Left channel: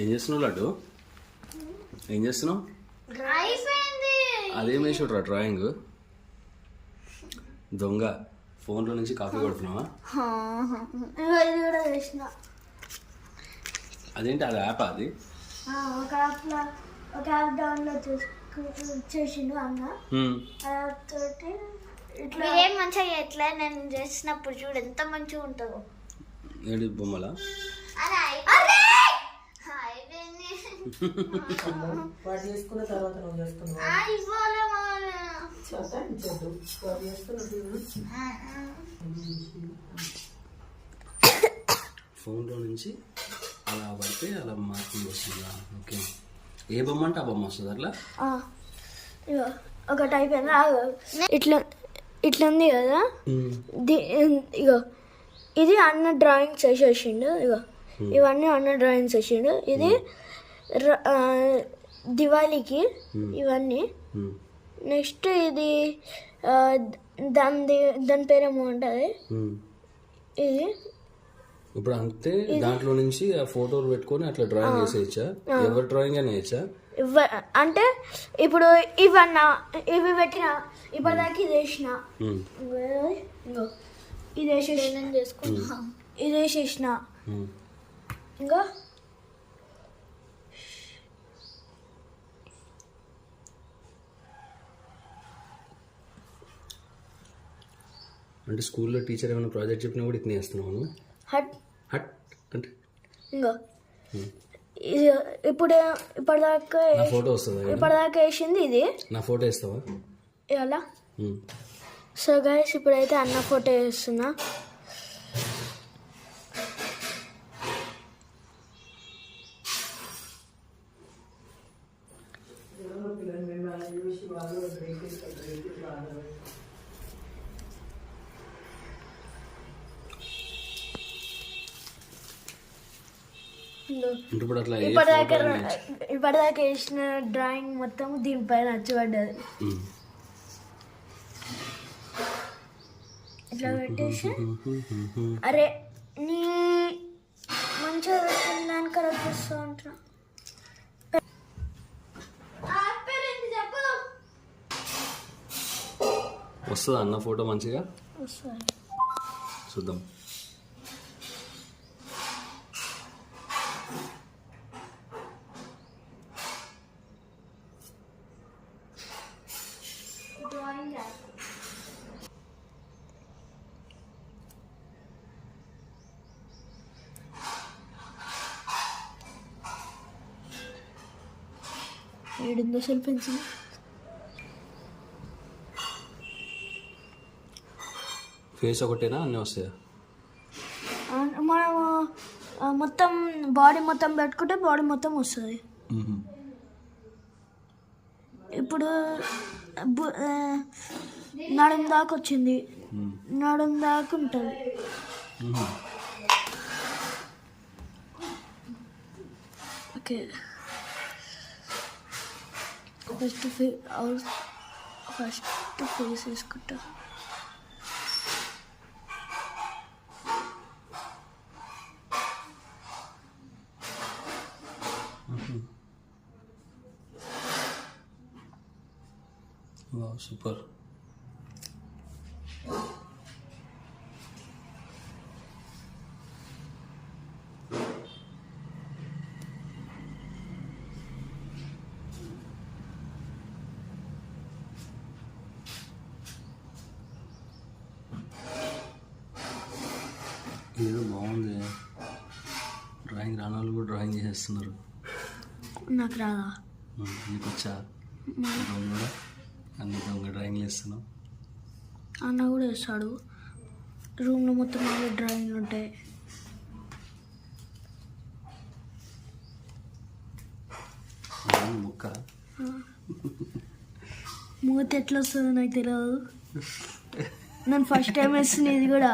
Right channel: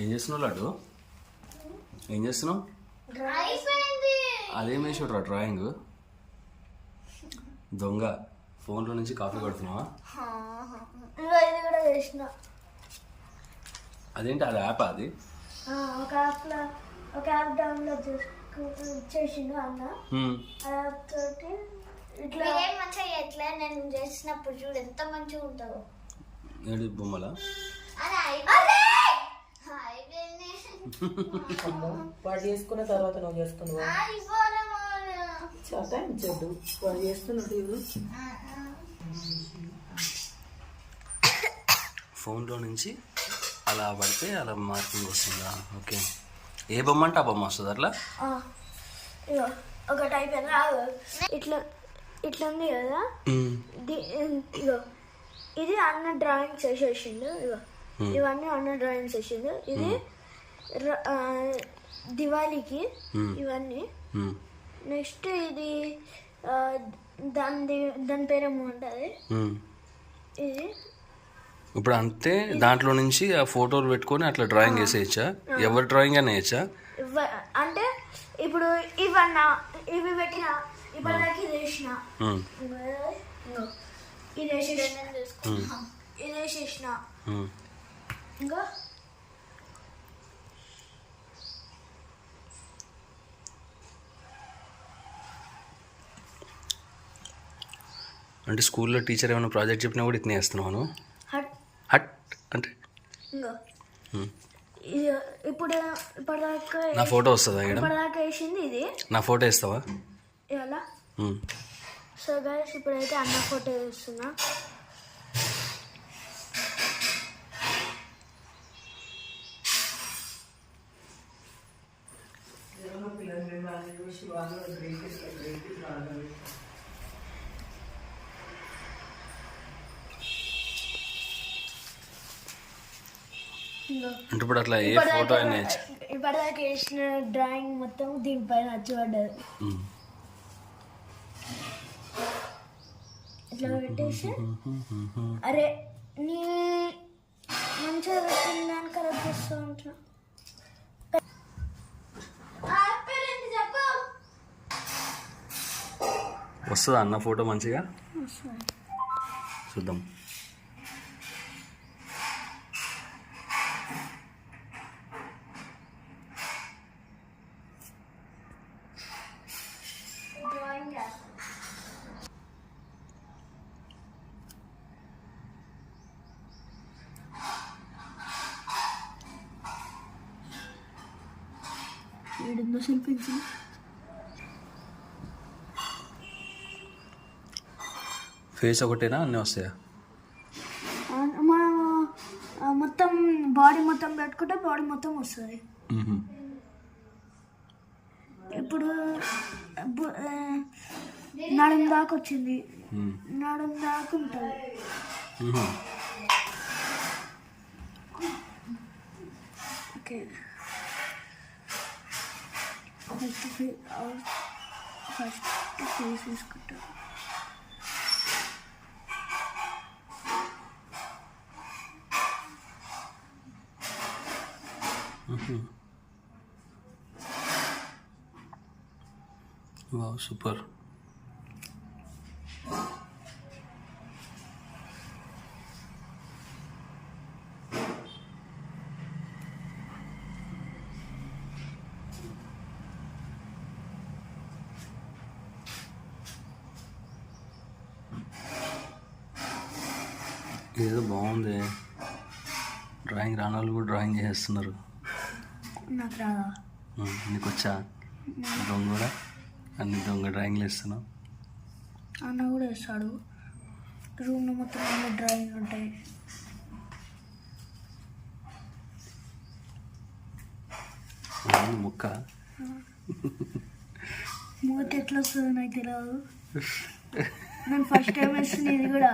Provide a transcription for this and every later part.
ఏం చేస్తున్నావు లడ్డు? ఏం చేస్తున్నావు? అదేం వేసాడు డ్రాయింగ్? దొంగ ఫోన్లో నుంచి కాపీ కొడుతున్నావా? ఇది కూడా చేసిన. అదేంటి అది యాప్? అది ఒక యాప్ డౌన్లోడ్ చేసిండు అన్న. యాప్ తోటి ఇట్లా ఏం మంచిగా ఎట్లా నేను చేసినప్పుడు చూడు ఎంత మంచిగా ఉంటుందో. ఏంటి బొమ్మలా? చేసుకున్న తర్వాత నువ్వు చేసుకున్నావు. ఫోన్లో నుంచి అలా పడితే అలా మార్కింగ్ వస్తుందా? ఓకే. ఏ బొమ్మ అంటే ఆ బొమ్మ వస్తుంది అట్లా? ఒక టైప్ ఇట్లా ఇట్లా ఉంది కదా. ఇగో ఇది అన్న డ్రాయింగ్ చేసేసిండు. ఇగో ఇవన్నీ అన్న డ్రాయింగ్స్ వేసిండు. ఇది దివాళీకి ఇవన్నీ. నెక్స్ట్ ఇది దాని పేరేమో ఉంటుంది. ఇది ఇప్పుడు అంతే దాంట్లో నుంచి ఆ ఫోటోలు పెట్టుకొని అట్లా డ్రాయింగ్ వేసేయచ్చా? ఎవరి డ్రాయింగ్ అయినా వేయచ్చా? అంటే ఇప్పుడు ఇవి పెట్టిన ఇప్పటిదాకా ఇది వేసిన, ఇది వేసేసిన, ఇది వేసేసిన. ఇంకా అంటే స్కూల్లో టీచర్ ఏమైనా ప్రాజెక్ట్ చెప్పినా కూడా ఇట్నే వేస్తున్నాను. హట్ అంటే ఇప్పుడు ఇప్పటిదాకా నా ఫోటో వస్తుందా? ఇప్పటిదాకా వేసింది ఇది. నా ఫోటో వేస్తావా? ఎలా? సో గైస్ ఇప్పుడైతే అన్న ఫోటో వేస్తున్నా. అంటే ఇప్పుడు అట్లా ఏ ఫోటో అయినా ఇప్పటిదాకా వేసిన డ్రాయింగ్ మొత్తం దీనిపైన నచ్చబడ్డది. ఇట్లా పెట్టేసి అరే నీ మంచిగా పెట్టిన దాన్ని కరెక్ట్ చేస్తూ ఉంటున్నా. వస్తుందా అన్న ఫోటో మంచిగా? చూద్దాం. ఏడుందో అసలు పెన్సిల్? ఫేస్ ఒకటేనా అన్నీ వస్తాయా? మనం మొత్తం బాడీ మొత్తం పెట్టుకుంటే బాడీ మొత్తం వస్తుంది. ఇప్పుడు నడుం దాకా వచ్చింది, నడుం దాకా ఉంటుంది. ఓకే ఫస్ట్ ఫేస్ వేసుకుంటా. Wow super. ఏదో బాగుంది. డ్రాయింగ్ రాని వాళ్ళు కూడా డ్రాయింగ్ చేసేస్తున్నారు. నాకు రాదా? నీకు వచ్చా? దొంగ కూడా అన్ని దొంగ డ్రాయింగ్లు వేస్తున్నావు. అన్న కూడా వేస్తాడు. రూమ్లో మొత్తం డ్రాయింగ్ ఉంటాయి. ముక్క మూత ఎట్లా వస్తుందో నాకు తెలియదు. నేను ఫస్ట్ టైం వేసిన ఇది కూడా.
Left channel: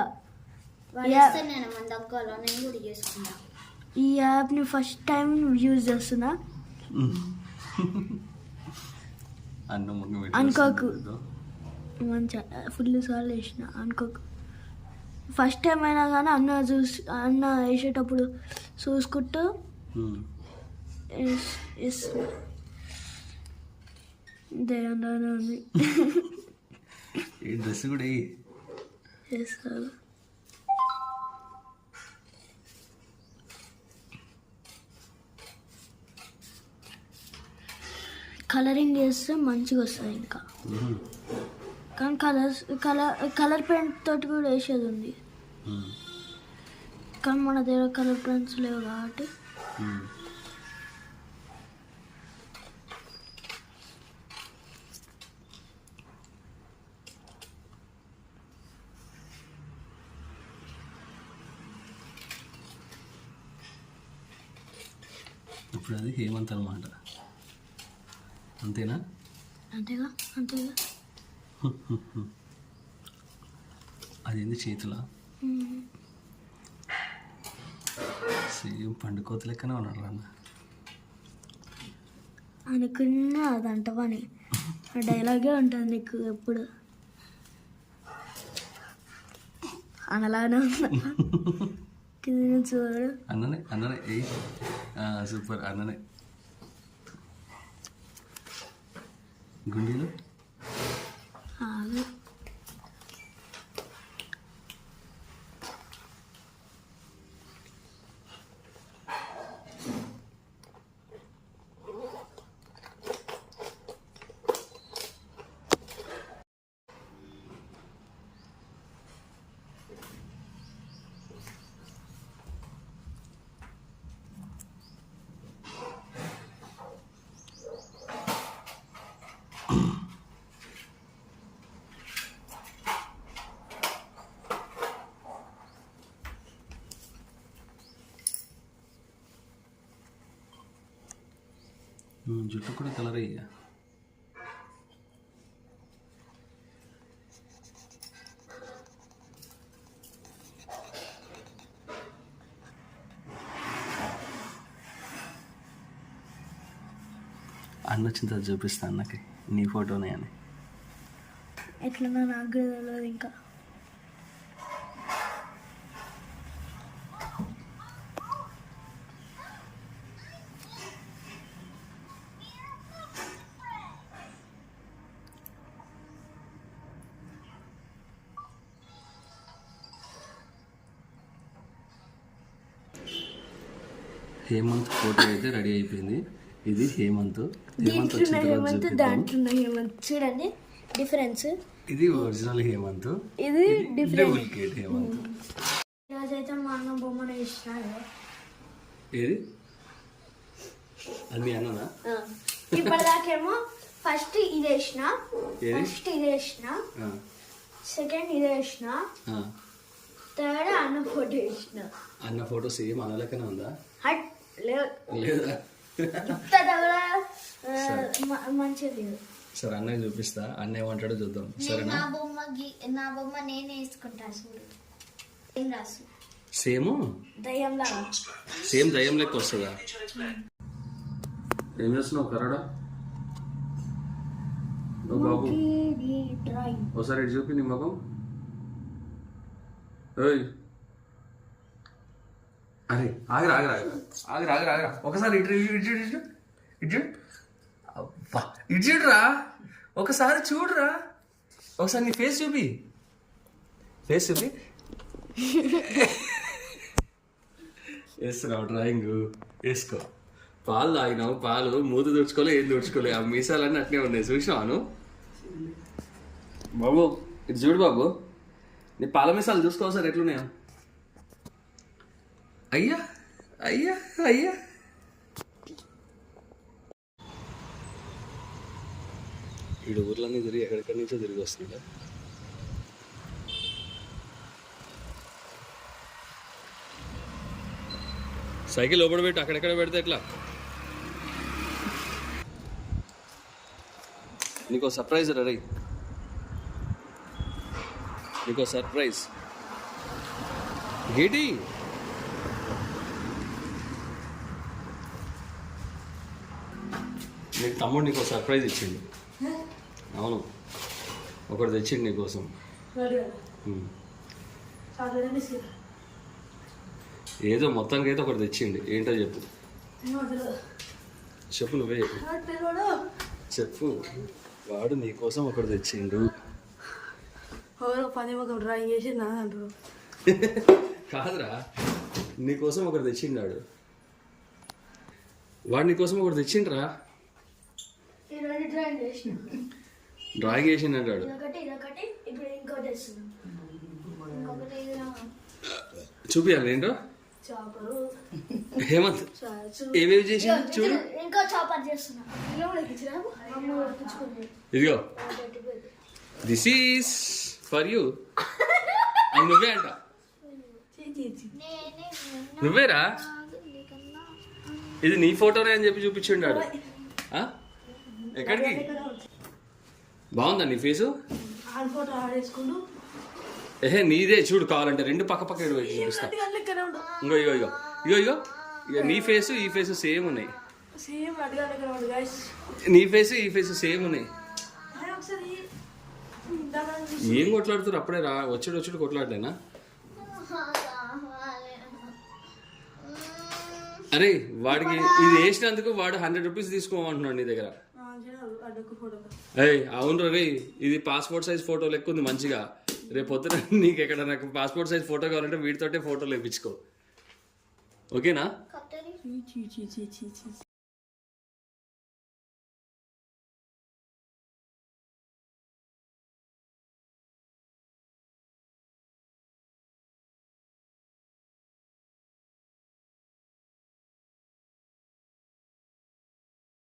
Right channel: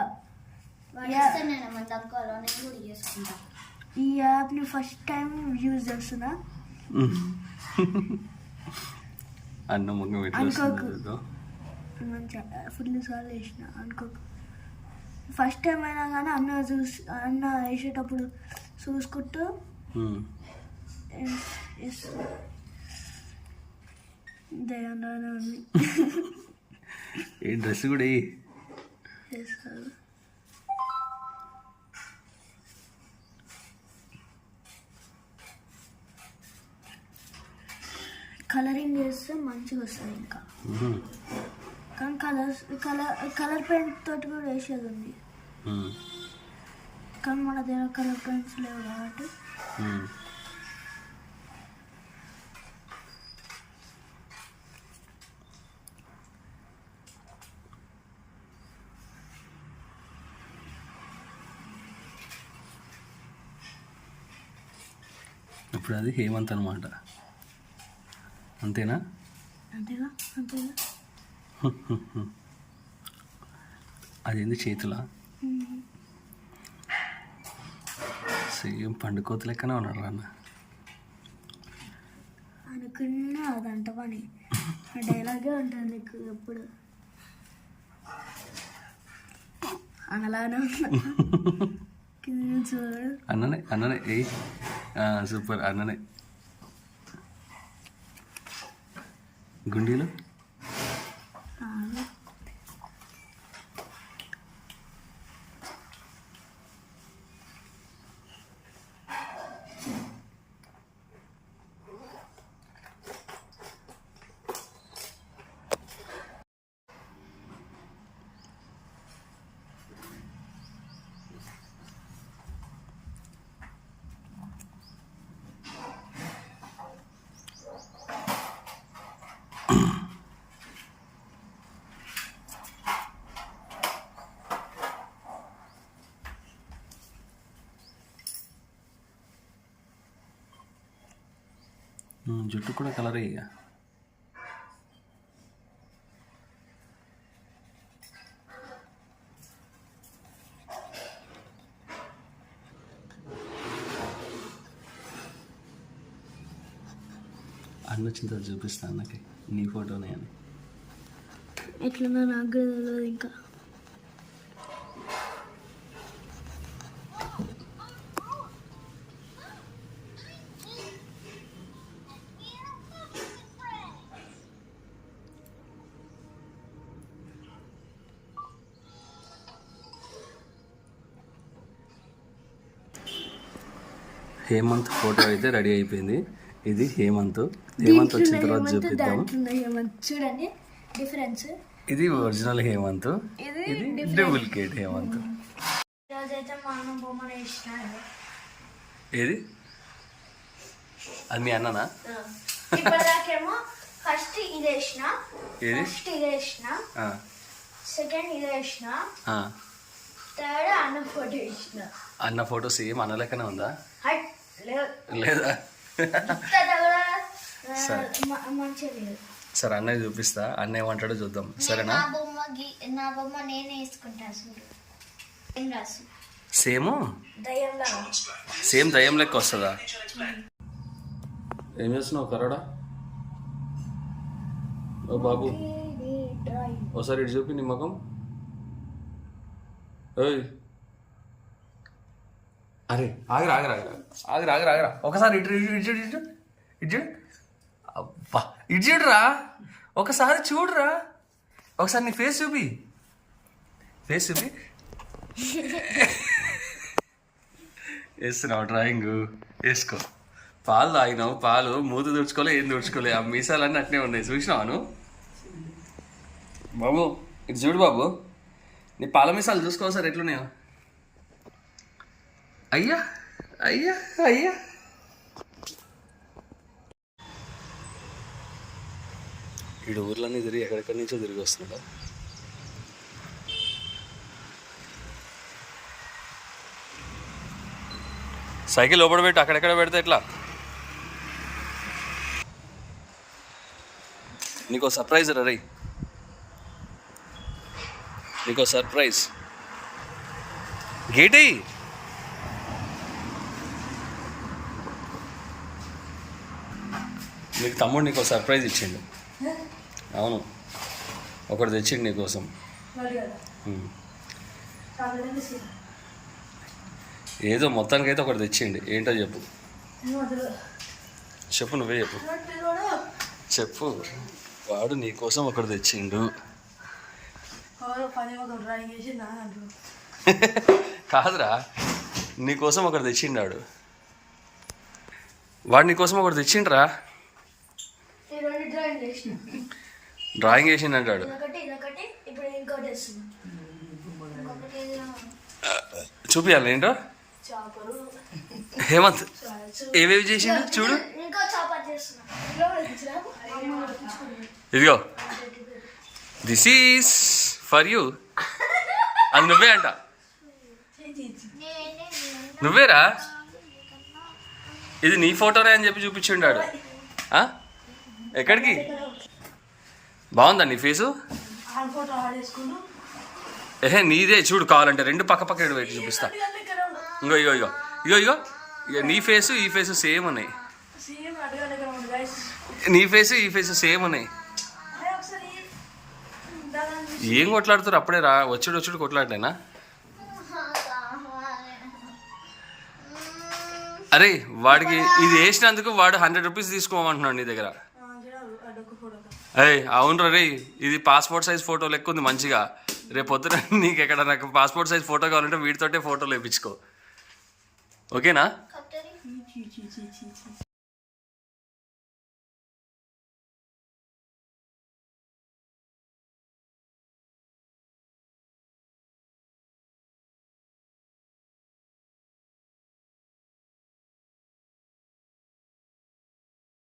ఈ యాప్ని ఫస్ట్ టైం యూజ్ చేస్తున్నా. అన్న అనుకోకు, మంచిగా ఫుల్ సార్లు వేసిన అనుకోకు. ఫస్ట్ టైం అయినా కానీ అన్న వేసేటప్పుడు చూసుకుంటూ దయాన్ని ఉంది ఏ డ్రెస్ కూడా చేస్తారు. కలరింగ్ చేస్తే మంచిగా వస్తుంది ఇంకా. కానీ కలర్ పెయింట్ తోటి కూడా వేసేది ఉంది, కానీ మన దగ్గర కలర్ పెయింట్స్ లేవు కాబట్టి ఇప్పుడు అది హేమంత్ అనమాట. అంతేనా? అంతేగా. అదేంది చేతులా? సేమ్ పండుకోత లెక్కనే ఉన్నాడు అన్న. అనుకున్నా అదంట పని డైలాగే ఉంటుంది నీకు ఎప్పుడు అలానే చూడు. అన్ననే ఏ సూపర్ అన్ననే. గుండీలు జుట్టు కూడా కలర్ అయ్యా. అన్న వచ్చిన చూపిస్తా అన్నకి నీ ఫోటోనే అని. ఎట్లా నాకు తెలియదు ఇంకా. హేమంత్ ఫోటో అయితే రెడీ అయిపోయింది. ఇది హేమంత్ వచ్చిన తర్వాత చూపిద్దాం. చూడండి డిఫరెన్స్. ఇది ఒరిజినల్ హేమంత్, ఇది డూప్లికేట్ హేమంత్. రోజైతే మా అన్న బొమ్మను వేసిన. ఏది అది మీ అన్ననా? ఇప్పటిదాకేమో ఫస్ట్ ఇది వేసిన, సెకండ్ ఇది వేసిన, థర్డ్ అన్న ఫోటో వేసిన. అన్న ఫోటో సేమ్ అన్న లెక్కనే ఉందా? లేదా సరే అన్నయ్య చూపిస్తా, అన్న ఏమంటాడో చూద్దాం. సరేనా? నా బొమ్మ నేనే వేసుకుంటా. సేమ్ దయ్యం లెక్క వస్తుందా? ఏం చేస్తున్నావు కరడా? ఓ బాబు ఒకసారి ఇటు చూపి నీ ముఖం. ఓయ్ అరే ఆగరా ఒకసారి ఇటు అబ్బా ఇటు చూడరా, ఒకసారి చూడరా, ఒకసారి నీ ఫేస్ చూపి వేస్తున్నావు డ్రాయింగ్. వేసుకో. పాలు తాగినావు, పాలు మూత తుడుచుకోలే, ఏం తుడుచుకోలే, ఆ మీసాలన్నీ అట్నే ఉన్నాయి. చూసినావాను బాబు? ఇటు చూడు బాబు, నీ పాల మీసాలు చూసుకో సార్ ఎట్లున్నాయో. అయ్యా ఈడు ఊర్లన్నీ తిరిగి ఎక్కడెక్కడి నుంచో తిరిగి వస్తున్నాడా? సైకిల్ లోపల పెట్టి అక్కడెక్కడ పెడితే ఎట్లా? నీకో సర్ప్రైజ్ రా, నీకో సర్ప్రైజ్. గేటి నీకు తమ్ముడు నీకో సర్ప్రైజ్ ఇచ్చిండు. అవును, ఒకటి తెచ్చిండు నీకోసం. చాక్లెట్ బిస్కెట్ ఏదో మొత్తానికైతే ఒకటి తెచ్చిండి. ఏంటో చెప్పు. చెప్పు, నువ్వే చెప్పు. చెప్పు. వాడు నీ కోసం ఒకటి తెచ్చిండు. పని ఒక డ్రాయింగ్ చేసి నా అంటారు. కాదురా, నీ కోసం ఒకటి తెచ్చిండాడు. వాడు నీ కోసం ఒకటి తెచ్చిండ్రా. డ్రాయింగ్ చేసిండు అంటాడు. చూపియాలి ఏంటో. హేమంత్ ఏవేవి చేసిండు చూడు. ఇదిగో, దిస్ ఈస్ ఫర్ యూ అని నువ్వే అంట. నువ్వేరా, ఇది నీ ఫోటోనే అని చెప్పి చూపించిండాడు. ఎక్కడికి? బాగుందా నీ ఫేసు? ఏహే నీదే చూడు, కావాలంటే రెండు పక్క పక్క పెట్టి చూపిస్తా. ఇంగో ఇగో ఇగో ఇగో ఇగో ఇక నీ ఫేసు ఈ ఫేసు సేమ్ ఉన్నాయి. నీ ఫేసు ఈ ఫేసు సేమ్ ఉన్నాయి. ఏం కొట్లాడుతారు అప్పుడే రా, వచ్చుడు కొట్లాడలేనా? అరే వాడికి ఇది వేసినందుకు వాడు 100 రూపీస్ తీసుకోమంటున్నాడు నీ దగ్గర. అరే అవును రే, ఇది పాస్పోర్ట్ సైజ్ ఫోటో లెక్క ఉంది మంచిగా. రేపు పొద్దున నీకు ఎక్కడ నాకు పాస్పోర్ట్ సైజ్ ఫోటో కావాలంటే వీటితోటే ఫోటోలు వేయించుకో, ఓకేనా?